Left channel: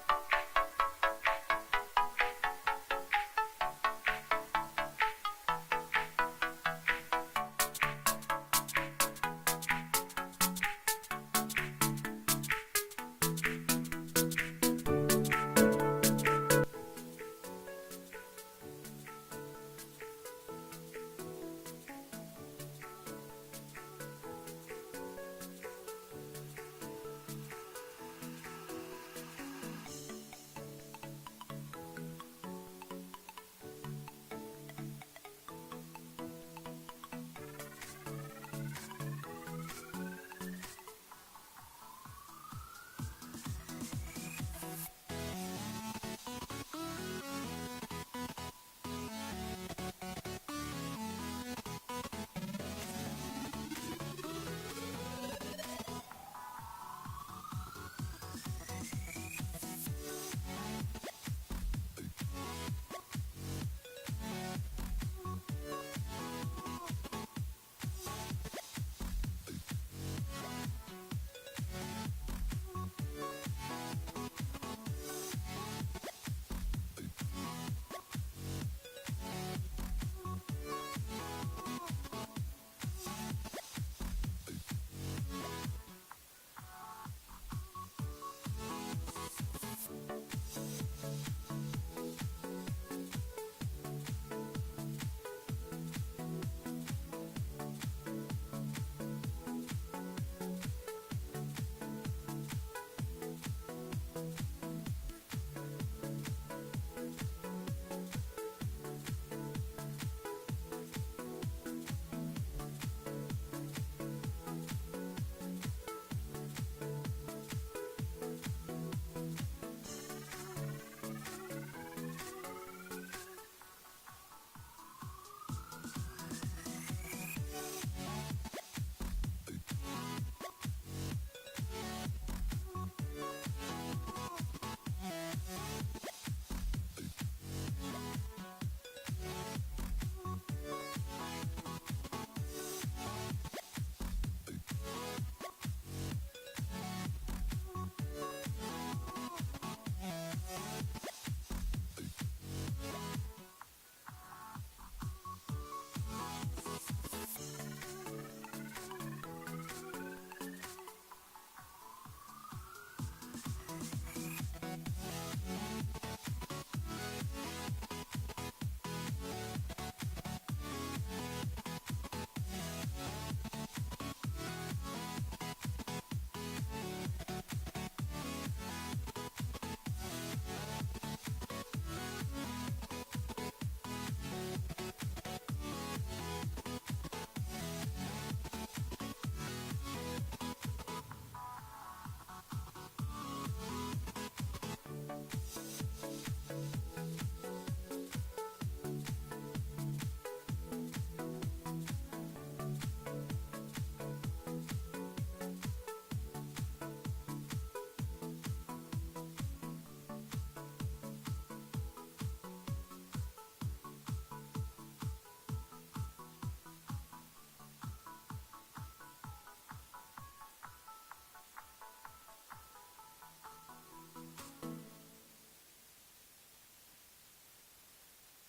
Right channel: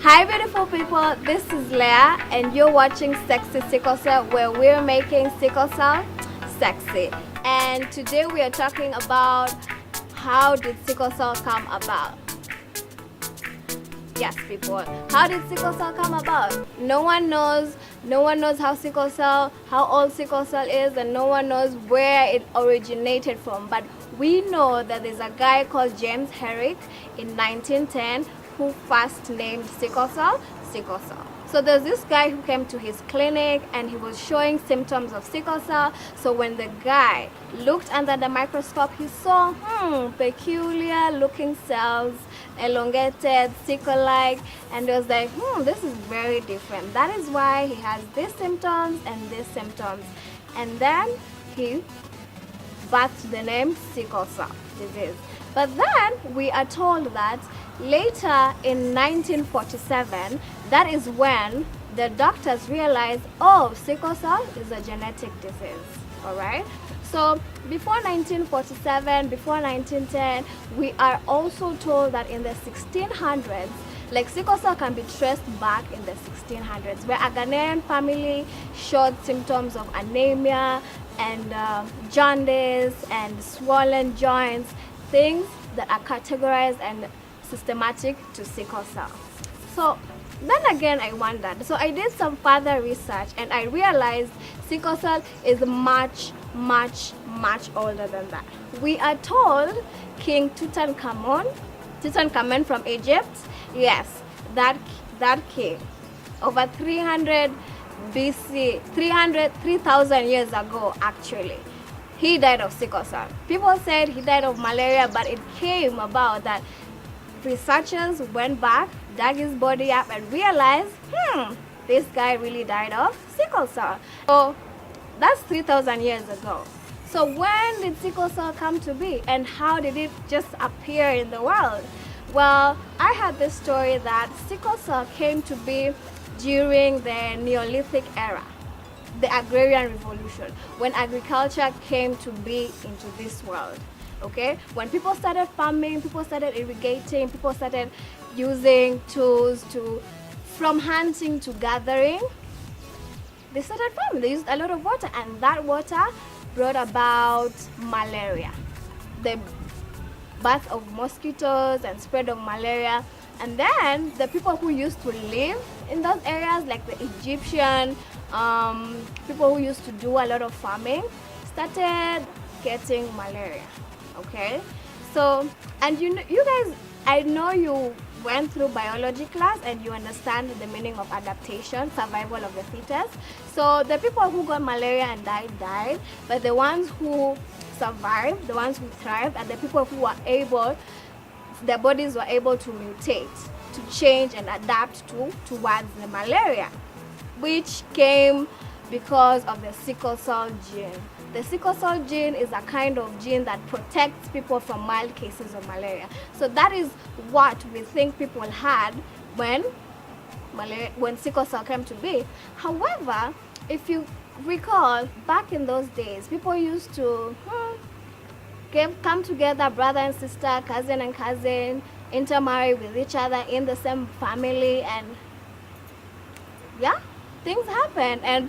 Hi beautiful people, this is Leah and you're watching Sexy Sickle Cell, where we're making sickle cell sexy. And today we are talking about how did sickle cell come about. Yes people, how did sickle cell come about? No one knows how old sickle cell is, and no one knows where it originated from. But we know that there's a guy called James Herrick in 1910 who first named sickle cell. So there's this guy who came to his clinic and he was showing symptoms of sickle cell. So when the guy looked under the microscope, he saw peculiar looking cells, elongated, sickle-like, and he was like, this is very different. That is why he has these symptoms and these symptoms. And then he birthed the name sickle cell disease. But then we are told that later in 1947, that is when the doctors realized, sickle cell is a genetic disease. Alright? So before 1947, before 1910, we are also told that in the 1600s, like sickle cell can be traced back in the 1600s, where a Ghanaian family showed symptoms of anemia and jaundice and swollen joints, things that are categorized and systematic to sickle cell. So then again I wondered, so I did some further research and I realized sickle cell is much older than that. We are told King Tutankhamun from Egypt, yes, that king, over 300 BC, 3,000 years ago actually, he died of sickle cell. People said he died of malaria, but it came about that researchers went back, dug his body up and realized, this guy really died of sickle cell. So that's 3,000 years ago. So when did sickle cell come to be and how did it just appear in the world? Well, I had this story that sickle cell came to be during the Neolithic era, the agrarian revolution, when agriculture came to be into this world. Okay, when people started farming, people started irrigating, people started using tools from hunting to gathering, they started farming. They used a lot of water, and that water brought about malaria, the birth of mosquitoes and spread of malaria. And then the people who used to live in those areas, like the Egyptian people who used to do a lot of farming, started getting malaria. Okay, so, and you guys, I know you went through biology class and you understand the meaning of adaptation, survival of the fittest. So the people who got malaria and died, but the ones who survived, the ones who thrived, are the people who were able, their bodies were able to mutate, to change and adapt towards the malaria, which came because of the sickle cell gene. The sickle cell gene is a kind of gene that protects people from mild cases of malaria. So that is what we think people had when sickle cell came to be. However, if you recall, back in those days, people used to come together, brother and sister, cousin and cousin, intermarry with each other in the same family, and yeah, things happen, and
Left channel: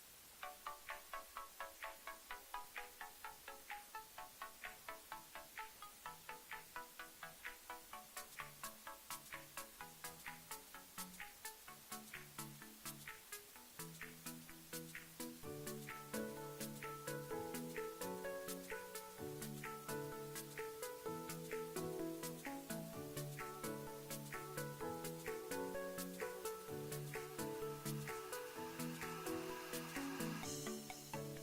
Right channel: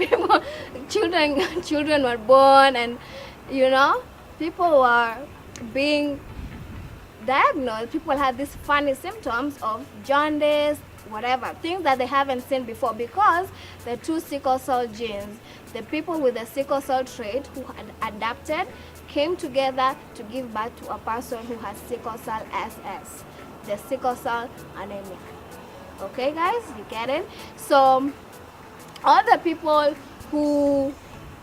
children were born, and people were being diagnosed. People had these funny symptoms of jaundice, whatever, things that they haven't seen before, because the two sickle cell genes, the people with the sickle cell trait who had adapted, came together to give birth to a person who has sickle cell SS, the sickle cell anemia. Okay guys, you get it? So all the people who,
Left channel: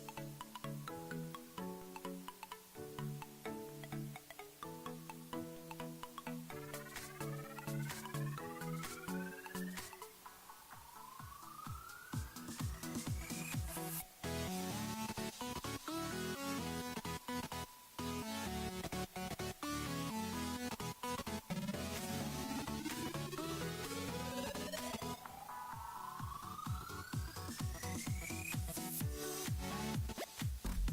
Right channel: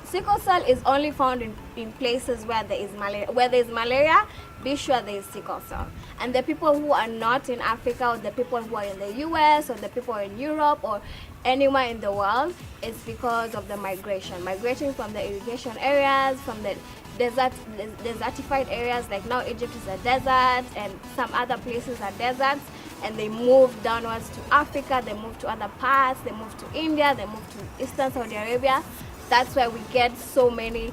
sickle cell is only found in places where there is malaria. Where there is malaria, be sure there is sickle cell. And the people who are not in Africa, or the people who are in the US, or the people in Europe, or anywhere in the world, is because of the migration from the irrigation areas, from the desertified areas. Like now Egypt is a desert and some other places are deserts, and they moved downwards to Africa, they moved to other parts, they moved to India, they moved to Eastern Saudi Arabia. That's why we get so many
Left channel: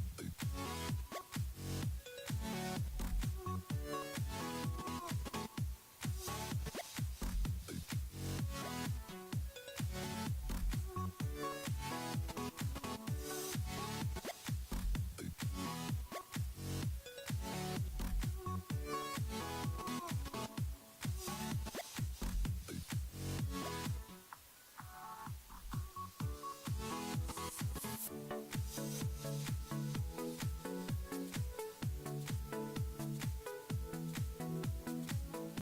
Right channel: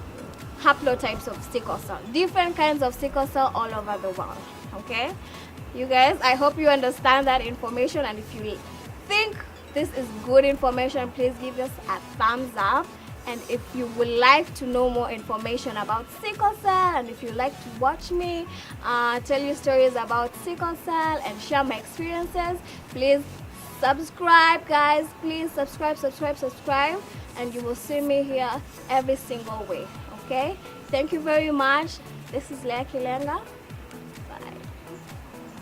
haplotypes of sickle cell, different kinds of sickle cell all over the world. Okay, you guys, I hope you understand that information, and if you think this is good information, please give us a thumbs up. And if you would like to know more information about sickle cell, and if you like to watch me tell you stories about sickle cell and share my experiences, please subscribe, guys. Please subscribe, and you will see me here every single week. Okay, thank you very much. This is Kilenga.